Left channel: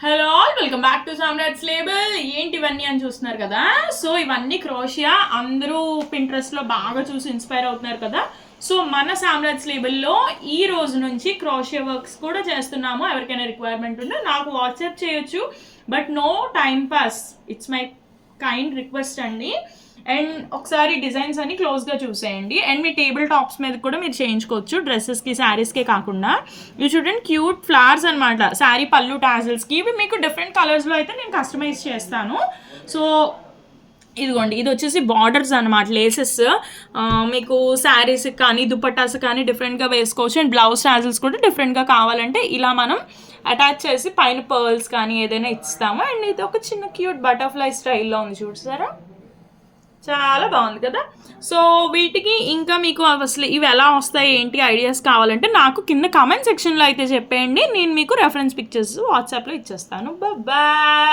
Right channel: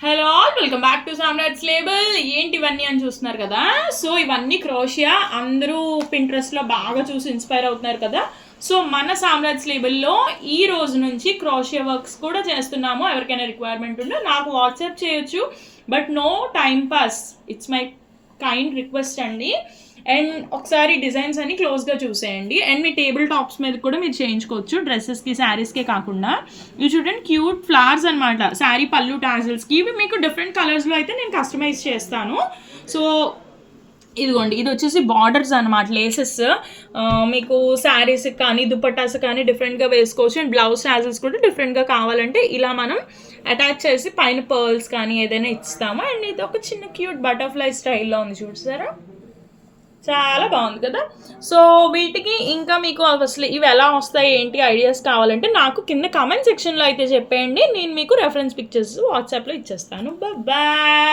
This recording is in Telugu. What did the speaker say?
Hello all, welcome back to Samrat's label. ఏంటి ఇవన్నీ అని చూస్తున్నారు కదా. సో ఇవన్నీ క్రోషియా, అందరూ పింట్రెస్ట్లో బాగా చూసి ఇన్స్పైర్ అవుతున్నారు కదా. సో మన సామ్రాట్స్ లేబుల్లో ఈ రోజు నుంచి క్రోషియా వర్క్స్ కూడా చేస్తున్నాము. ఎవరికైనా రిక్వైర్మెంట్ ఉంటే నాకు వాట్సాప్ చేయొచ్చు, but no time pass, it's my kind request అండి. అండ్ ఒకసారి డిజైన్స్ అన్ని క్లోజ్గా చూసేయండి. అండ్ మీ టేబుల్ టాప్స్ మీద కూడా మీరు చేయించుకోవచ్చు, డ్రెస్సెస్కి శారీస్కే కాకుండా. యూ చూడండి, క్యూట్ ఫ్లవర్స్ అనమాట శారీ పళ్ళు టాజిల్స్కి. ఇవి మీకు డిఫరెంట్ కలర్స్లో అయితే నేను కస్టమైజ్ చేస్తాను. సో ఇదిగోండి, ఇది వచ్చేసి బార్డర్స్ అనమాట, లేసెస్. మీకు శారీస్ కానీ దుపట్టాస్ కానీ డిఫరెంట్గా వేసుకోవచ్చు. అండ్ బ్లౌజ్ టాజిల్స్ కూడా డిఫరెంట్గా కావాలంటే ఇలా మనం అటాచ్ చేసి పైన పర్ల్స్ కానీ ఏదైనా ఇస్తాము. అండ్ ఇది ఒక చిన్న క్యూట్ బటర్ఫ్లై స్టైల్లో ఉంది, చూసారా, చాలా బాగుంది కదా. సో వీటికి ఇంకా మీకు అసలు ఇవి ఎలా వస్తాయి ఏంటి ఐడియాస్ కావాలంటే నాకు కింద కామెంట్ సెక్షన్లో అయితే చెప్పేయండి. నేను మీకు రెఫరెన్స్ పిక్చర్స్ వాట్సాప్లో ఇచ్చేస్తాను. బాయ్.